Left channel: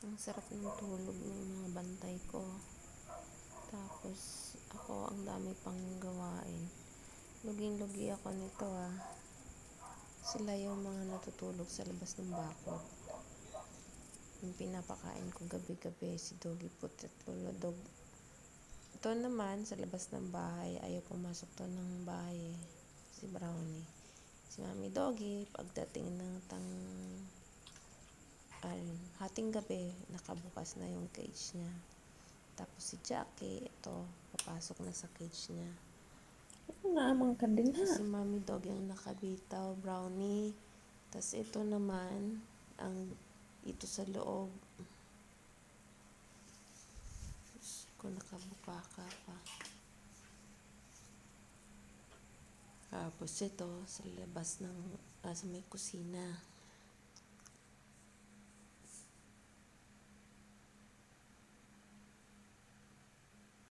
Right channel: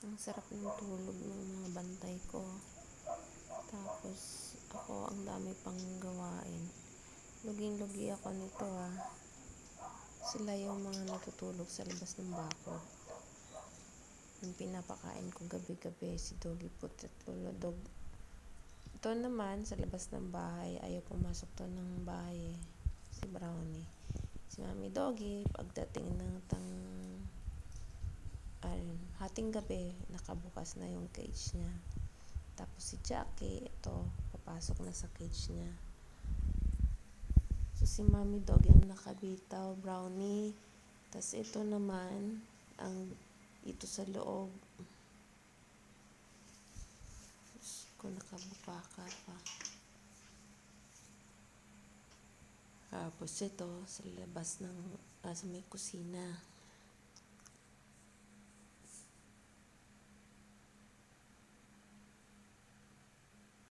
Ang sarap ng tulog ng mga bantay ko. Tapos, ako ang dami pang gawain. Luging-lugi ako nito Sila yung mga natutulog sa labas ng bakod. Yung pinapakain ko gabi-gabi, si Doggy Puti at Lolo Dog. Ito naman, sa labas ng bahay, ayaw pumasok to ng bahay si Brownie. Si Mami Doggy, pagdating ng hating gabi, nakabukas na yung cage niya. Tapos si Jackie, ito, papasok na sa cage niya. Naamang ka din ha. Si Mami Doggy ang nakabitaw, Brownie. Tapos ito naman, ito sa loob. Kung nakabuka ka pa. Tapos ito, sa labas sa may kusina.